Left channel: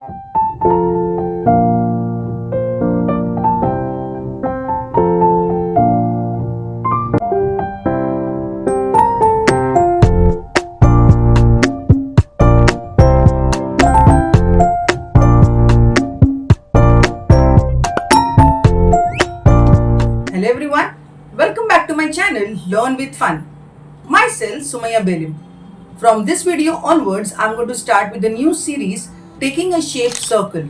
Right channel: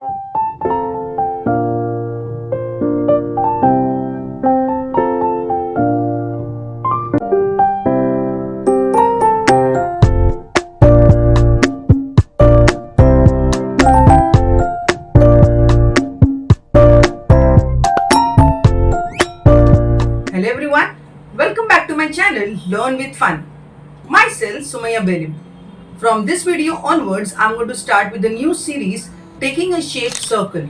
Hello everyone, welcome back to my channel Learn with Fun. Myself Sumaya Belim. From this video onwards, I'm going to start with a new series taking a shaped circle.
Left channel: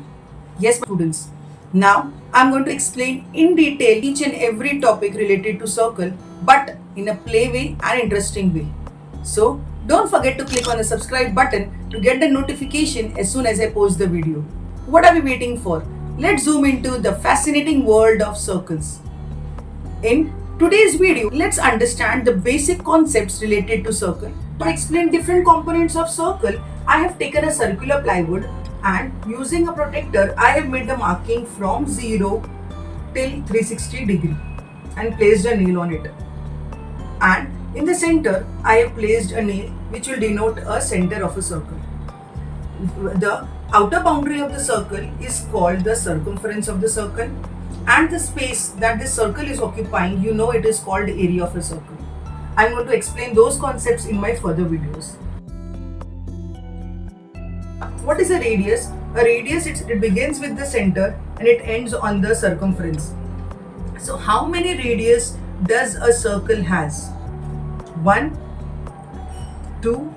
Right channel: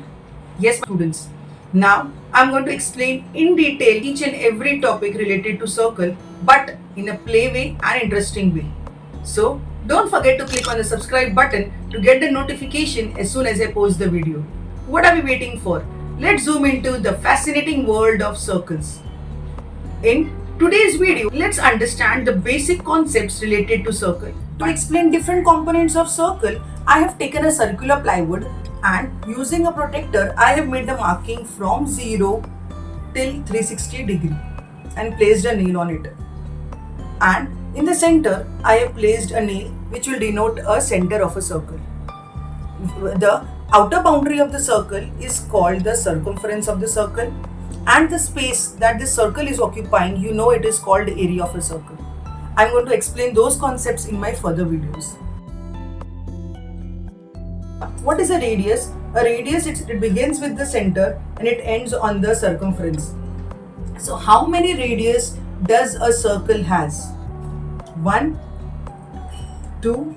Yes, my students. Now I'm going to explain in detail each and every topic related to circle, but in a play way and interesting way. So don't forget to click on the subscribe button to get the notification as soon as I post the video. What are we waiting for? Let's zoom into the fascinating world of circles. In today's video, let's understand the basic concepts related to circle. To explain different components of circle, I have taken a circular plywood and using a protector, I have made the marking from 0 till 360 degree and placed a nail on it. And in the center, I have placed a nail which will denote a center of a circle. The outer boundary of the circle is called the circumference of the circle, and the space that this circle is occupying, it is called area of a circle. I'm going to explain those concepts in my further videos. What is a radius? A radius, it begins with the center and it ends on the circumference. So how many radius does a circle has? 1, 2,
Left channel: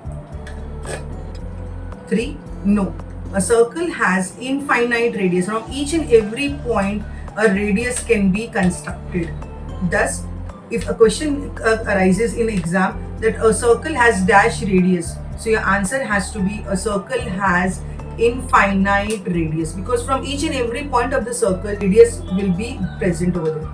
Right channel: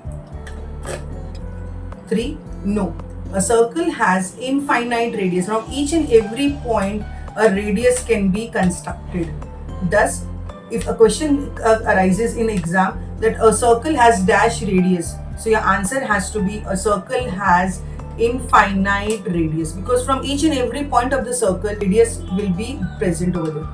3? No. A circle has infinite radius. From each and every point, a radius can be constructed. Thus, if a question arises in exam that a circle has dash radius, so your answer has to be a circle has infinite radius, because from each and every point of the circle, radius will be present over there.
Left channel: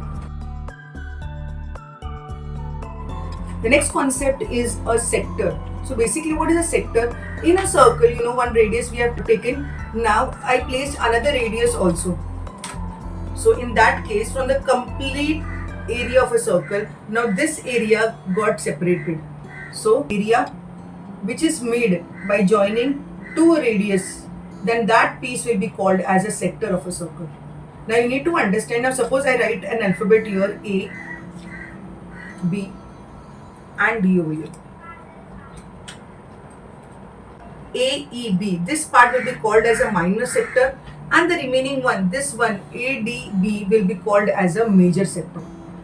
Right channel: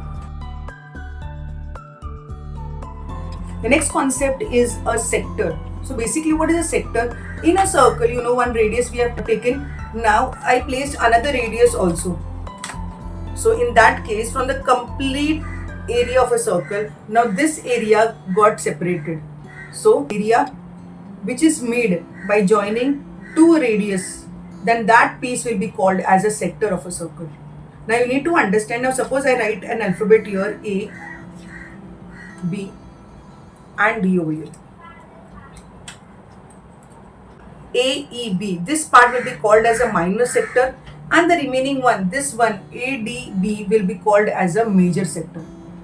The next concept is a sector. So basically, what is a sector? In a circle, one radius we have taken. Now I placed another radius also. So in that case, from the complete area of a circle, now this area got separated. So area which is made by joining two radius, then that piece will be called as a sector of a circle. Now you need to understand. Now suppose I write an alphabet here, A, B and D over here. AEB, this part will be called as a minor sector, and the remaining one, this one ADB, will be called as a major sector.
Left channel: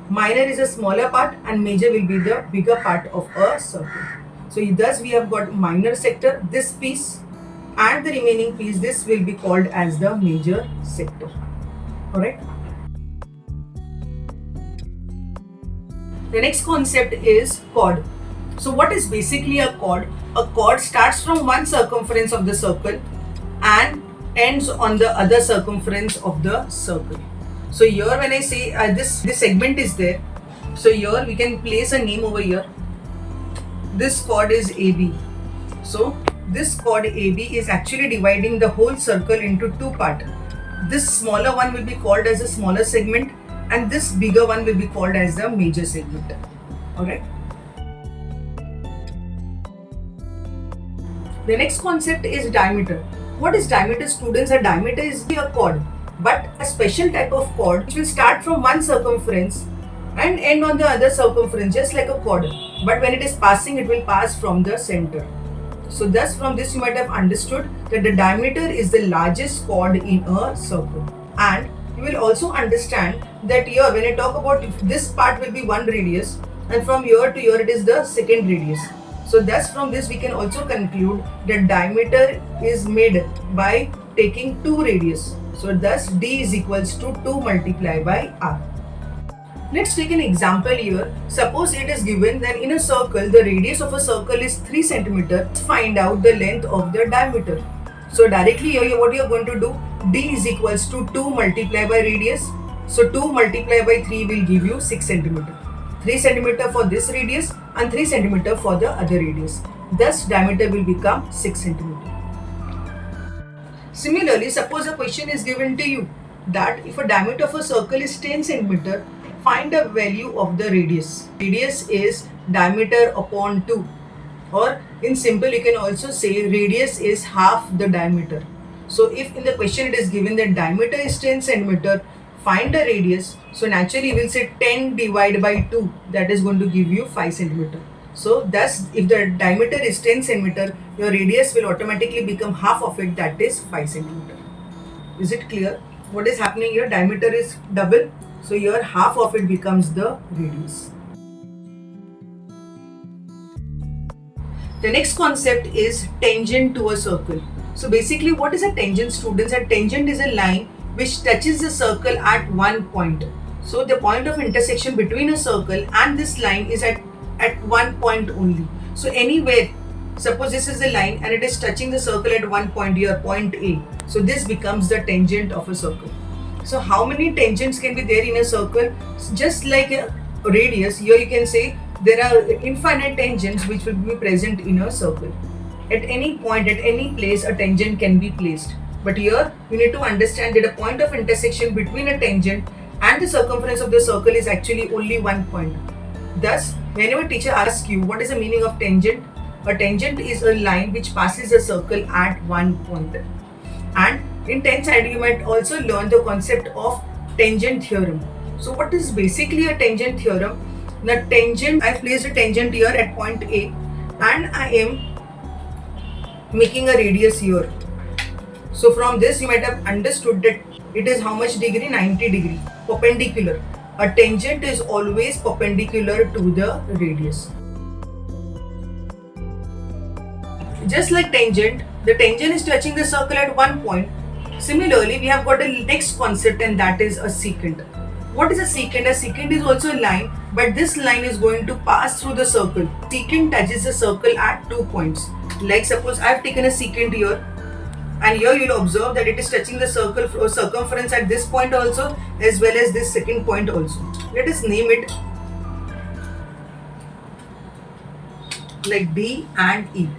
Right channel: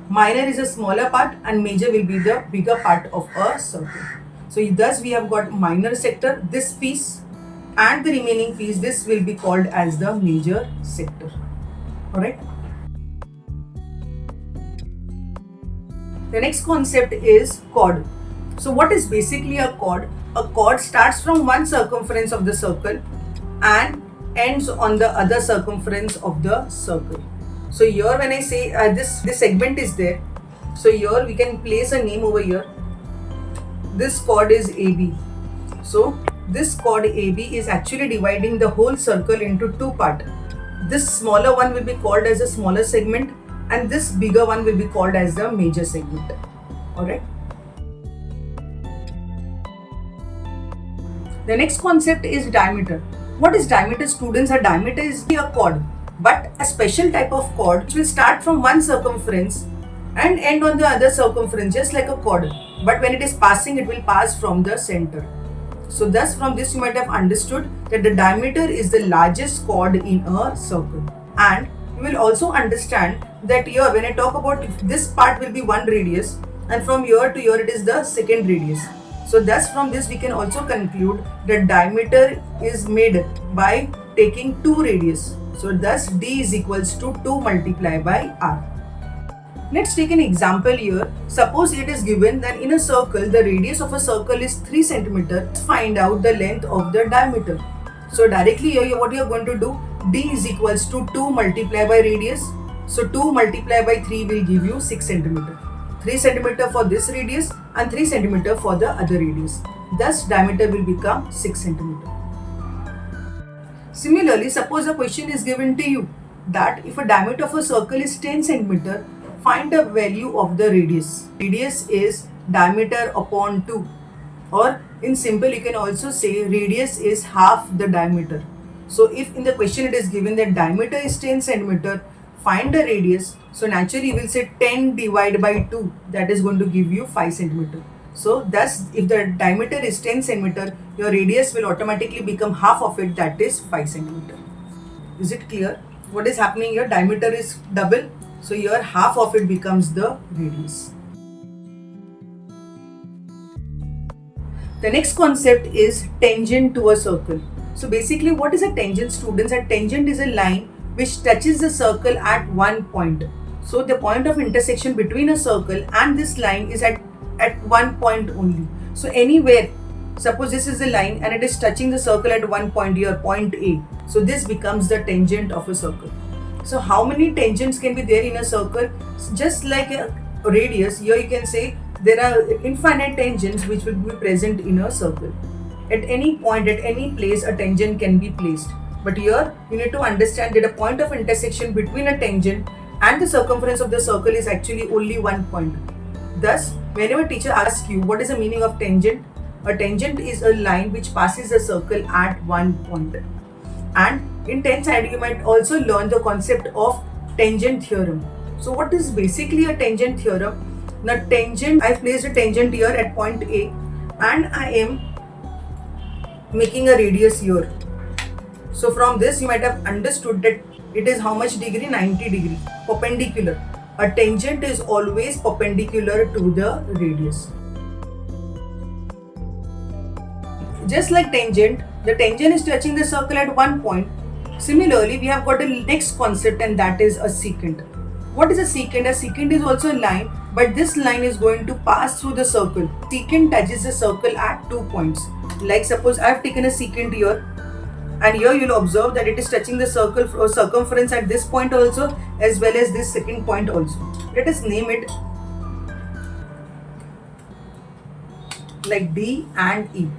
Minor is a smaller part and major will be the bigger part of a circle. So thus we have got minor sector, this piece, and the remaining piece, this will be called as the major sector. Alright. The next concept is chord. So what is basically a chord? A chord starts from one circumference of the circle and ends on the other circumference of the circle. So here when I say this segment is there, so here we can place a name over here. This chord is AB. So this chord AB is actually dividing the whole circle into two parts. This smaller one will be called as a smaller segment and this bigger one will be called as the major segment. Alright. The next concept is diameter. What is diameter, students? A diameter is a chord, but a special type of chord which will start from one circumference and end on the other circumference, just like a chord. But when it is passing, it will pass from the center. So thus from this you might have understood that the diameter is the largest chord in a circle. And you will also understand that here when I talk about this part will be one radius and from here to here it is the second radius. So thus from this we can also conclude that diameter is made by taking two radius. So thus D is equals to 2 multiplied by R. Let's take an example here. Suppose it is given that in a circle the radius of a circle is 3 cm. Let's find out the length of the diameter. So directly here what you are going to do, D is equals to 2 multiplied by radius. So 2 multiplied by 3 will give you 6 cm. 3 cm for this radius and 3 cm for the other radius. Thus diameter will become 6 cm. Similarly, suppose a question is given to you that if a diameter of a circle is 10 cm, find the value of the radius. Radius is diameter upon 2, or in simple you can also say radius is half the diameter. So if in the question it is given that diameter is 10 centimeter, find the radius. So naturally you will say 10 divided by 2, that is going to give you 5 centimeter. So thus if the diameter is 10 centimeter, your radius will automatically become half of it, that is 5 centimeter. Is it clear? What is happening here? Diameter is double, so here half of it becomes the radius. The next concept is tangent to a circle. So basically what is a tangent, students? A tangent is a line which touches the circle at one point. So the point of intersection between a circle and this line is at one point only. So anywhere, suppose this is the line and it is touching the circle at one point here, point A. So this becomes the tangent of a circle. So how many tangents can be there in a circle? Just like a radius, here you can say there are infinite tangents which will be present in a circle. At any point, at any place, a tangent can be placed. But here you need to understand that a point of intersection between a tangent and the circumference of the circle is actually only one point. Thus, whenever teacher asks you what is the meaning of tangent, a tangent is a line which passes a circle at one point. And in 10th standard you might also learn the concept of tangent theorem. So what is basically a tangent theorem? The tangent, I placed a tangent here at point A and I am making a radius here. So from this you might have understood that it is how much degree? 90 degree, perpendicular. A tangent is always perpendicular to the radius. Just like tangent, the tangent is touching the circle at one point. Similarly, we have got a next concept and that is a secant. What is a secant? A secant is also a line, but this line is going to pass through the circle. Secant touches the circle at 2 points. Like suppose I have taken a secant here, and here you will observe that it is touching the circle or circumference at this point also, as well as this second point also. Let us name it like D and E.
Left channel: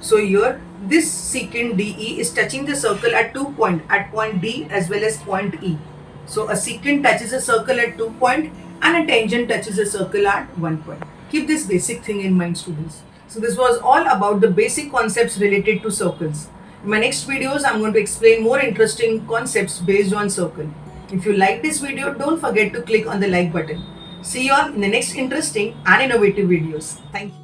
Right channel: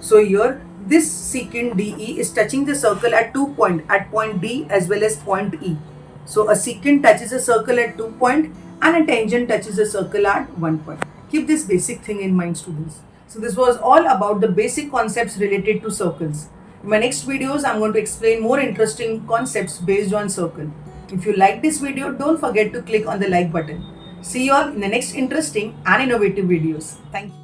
So here this secant DE is touching the circle at 2 points, at point D as well as point E. So a secant touches a circle at 2 points and a tangent touches a circle at 1 point. Keep this basic thing in mind, students. So this was all about the basic concepts related to circles. In my next videos, I'm going to explain more interesting concepts based on circle. If you like this video, don't forget to click on the like button. See you all in the next interesting and innovative videos. Thank you.